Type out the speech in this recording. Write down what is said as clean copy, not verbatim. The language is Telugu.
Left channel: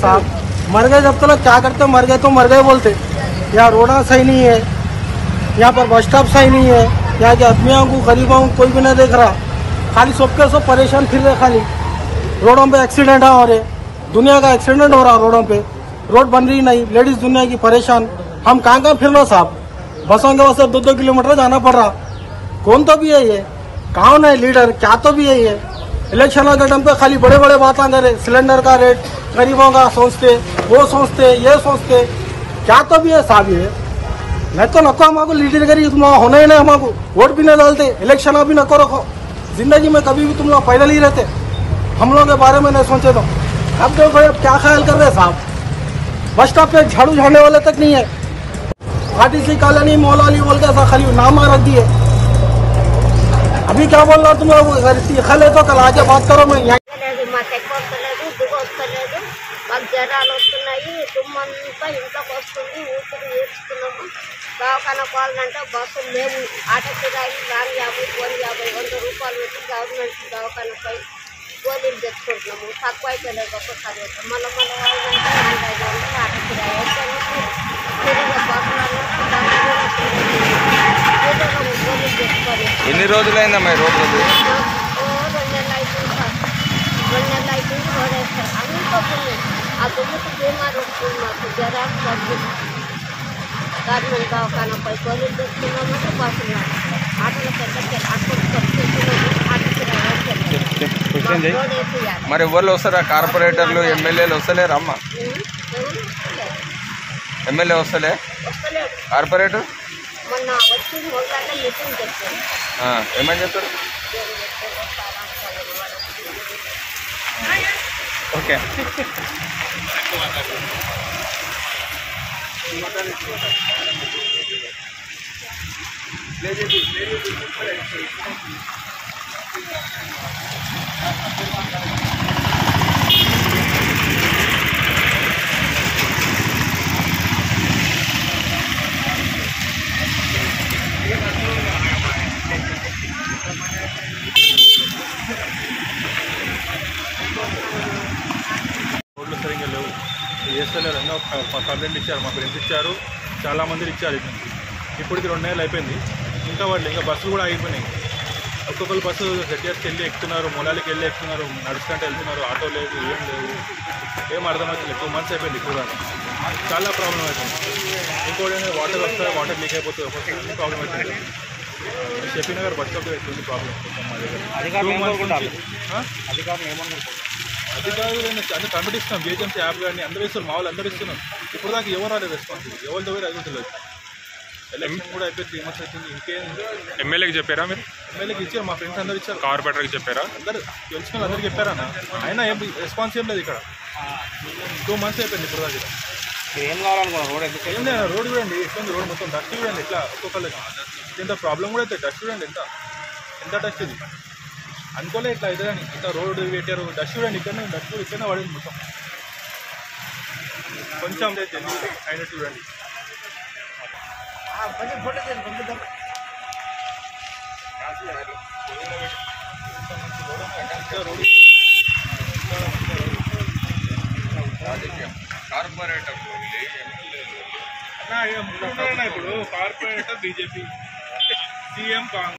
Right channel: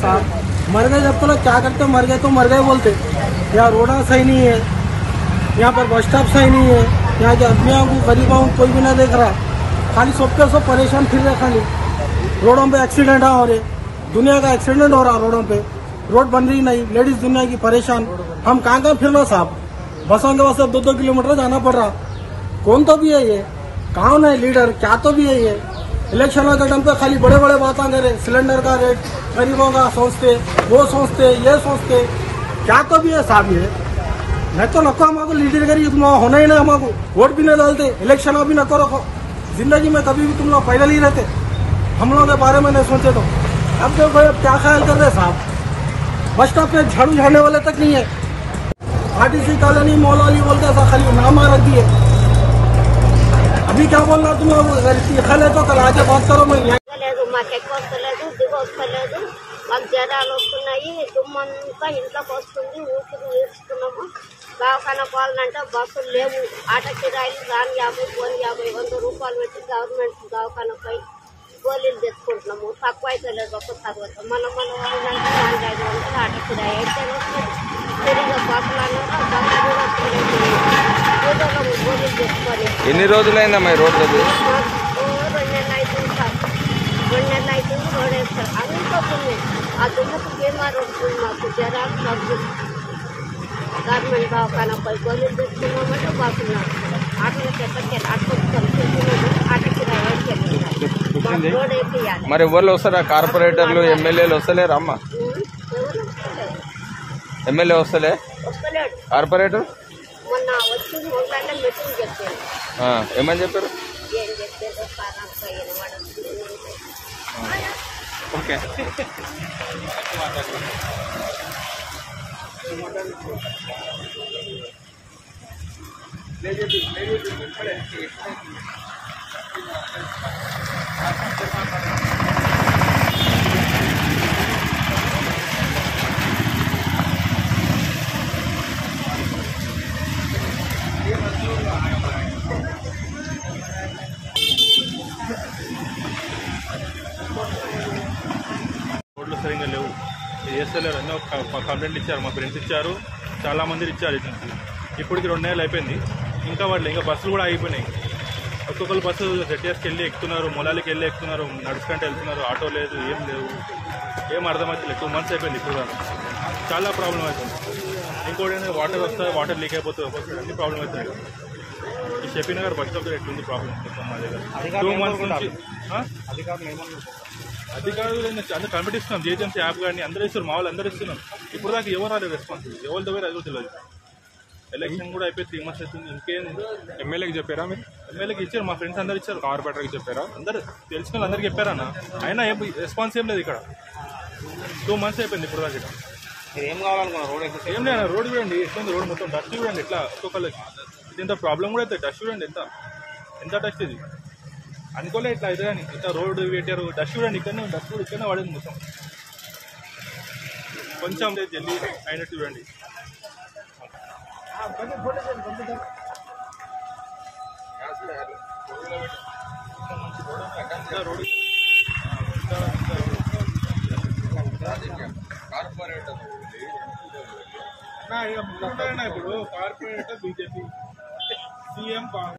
साहब, मर गए जब तक क्या करते, मर गए तो मर गए बोलते। यहाँ रोड़ा सही नहीं है, यहाँ पर बस स्टॉप सही नहीं है, यहाँ के आदमियों को गरीबों को कोई भी नहीं देख रहा, खाली सबके सब परेशान फिर रहे। खाली रोडों पे एक्सीडेंट हो रहे, दुनिया का एक्सीडेंट हो रहा रोडों पे, रोड बन रही नहीं, लेडीज दुनिया की परेशान। हम कहाँ फिरना साहब, बसों के वैसे 2-2 किलोमीटर जाना पड़ रहा। कौन तो भी है ये, कौन है लीडर, क्या तो भी है ये। इलेक्शन के टाइम पे खाली बड़े बड़े बातें करे, सिलेंडर का रेट गरीबों का सोचते, वो सोचते, ये सोचते, क्या तो भी है साहब ये। नहीं तो नको हमको लीडर करी होना ही नहीं, हमको वोट भी नहीं डालते, इलेक्शन भी नको रखो। जिंदगी में कभी भी तुम लोग पैदल ही रहते, हम लोगों के बारे में नहीं सोचे तो। अब देखो भाई, अब क्या ख्याल कर रहे साहब, बस स्टॉप पे झाड़ू झाड़ने वाले तक नहीं है। आरटीसी कॉलोनी मौलाली बोलते ऐसा खाली नाम रख दिए। अभी क्या बोल रहा तुम लोग, खले तो कल आके बात करो। मैं మాకు జ్వరాలు వస్తున్నాయి, దుమ్మంతా ఇంట్లోకి వస్తుంది, ఊపిరి నేర్చుకున్నాము. దవాఖాన పోవాలంటే బస్సులు లేవు, ఆటో కిరాయిలు రాని 50, పోని 50, 100 రూపాయలు పెట్టి గవర్నమెంట్ దవాఖానపై గోళీలు తెచ్చుకుంటున్నాము. తక్కువ అయితే లేదు ఒక్కసారి వస్తాం. మన వాళ్ళంటే 400-500 ఆటో కిరాయి అయితే వస్తుంది. తిరిగి బస్సులలో బస్సు కూడా వస్తుంది, గోళీలు తెచ్చుకొని. ఎన్ని రోజులైందమ్మా రోడ్డు? 2 నెలలు అవుతుంది సార్, 2 నెలలు అవుతుంది. రోడ్ వేస్తారు అన్నీ పోతుంది. ఆ దుమ్ముకు బీమారు వస్తుంది, మాకు జ్వరాలు తగ్గు. గవర్నమెంట్ దవాఖానపై గోళీలు తెచ్చుకున్నామంటే బస్సులు నడుస్తున్నాయి. ఆటోలకు ఎక్కడికి అట్టుకుంటున్నాము, ఆటో కిరాయి రోడ్ వేసేయాలి. మరి ఎవరు వస్తారా? కార్పొరేటర్లు, ఎమ్మెల్యేలు వస్తలేరు అమ్మ? ఎవరు వస్తలేరు, ఎమ్మెల్యే వస్తలేడు, కార్పొరేటర్ మొన్న వచ్చింది మొదలైతే మీటింగ్ చెప్పారు. ఏమని చెప్పారు? ఏం చెప్పారు సార్ అనుకోలేదు వాళ్ళు. ఓకే. రోడ్లు సరిగ్గా లేవు, వేస్తలేరు. ఎన్నో కంప్లైంట్ ఇచ్చారు, మా ఫ్రెండ్స్ ఇచ్చారు, చాలామంది ఇచ్చారు. ఇప్పటికి 2 నెలలు అయిపోయింది, ఇంకా బస్సులు కూడా ఆగిపోయినాయి. ఒక్కొక్కరు బస్సు జెటిఎస్కి వెళ్ళి ఎక్కుతున్నారు, మొలాలికి వెళ్ళి ఎక్కుతున్నారు, నడుచుకుంటూ వెళ్తున్నారు, ఆటో లేదు, ఏం లేవు, ఏం అర్థమవుతుంది. 2 మంత్స్ అయిపోయింది ఇప్పుడు దాకా, చాలా ప్రాబ్లం అవుతుంది. ఇంకోటి వాటర్ వస్తాయి, వాటర్ లీక్ అయిపోతుంది, ఒక్కొక్కసారి అన్ని ప్రాబ్లం అవుతుంది. షఫీ నగర్ బస్ స్టాప్ ఎట్లుంది ప్రాబ్లం మా దగ్గర 2 మంత్స్ నుంచి. అధికారులు అందరూ కనిపెట్టిస్తున్నాం, జిహెచ్ఎంసీ యాప్ కానీ అందరూ ఇస్తారు, మా వాళ్ళు అందరూ ఇస్తున్నాం. ఇప్పుడు దాకా ఎవరు రాలేదు రెస్పాన్స్, ఎవరి దగ్గర అది తెలియదు. ఎలక్షన్ కూడా అయిపోయి 3 మంత్స్ అవుతుంది, ఇంకేం. ఎమ్మెల్యేకి చెప్పారా మీరు? ఎమ్మెల్యేకి ఇచ్చారు, మా ఫ్రెండ్స్ అందరూ ఇచ్చారు. కార్పొరేటర్కి చెప్పారా? అందరూ తెలుసుకుని అందరికీ చెప్పారన్న, అయినా ఏం రెస్పాన్స్ ఏం లేదు. ఇక్కడ 2 మంత్స్ అయిపోయింది ఇప్పుడు దాకా. ఏం కావాలనుకున్నా? ఏం లేదు, రోడ్ చూడండి ఎట్లుంది, రోడ్ మొత్తం డస్ట్ చూడండి ఎట్లా, ఒక్కొక్కరికి ఇంత ప్రాబ్లం కూడా అవుతుంది. డస్ట్ చూడండి ఎంత డస్ట్ ఇది, అనుకోలే ఇట్లా అయితే కానీ. ఇంత రోడ్డు పెట్టారు, డస్ట్ చూడండి, ఇక్కడనే డస్ట్ కూడా ఇక్కడనే పడింది మొత్తం. కొంచెం జల్దీ అయినట్టు చూడండి. ఇప్పుడు కార్పొరేటర్ బీజేపీ, సీఎం కాంగ్రెస్.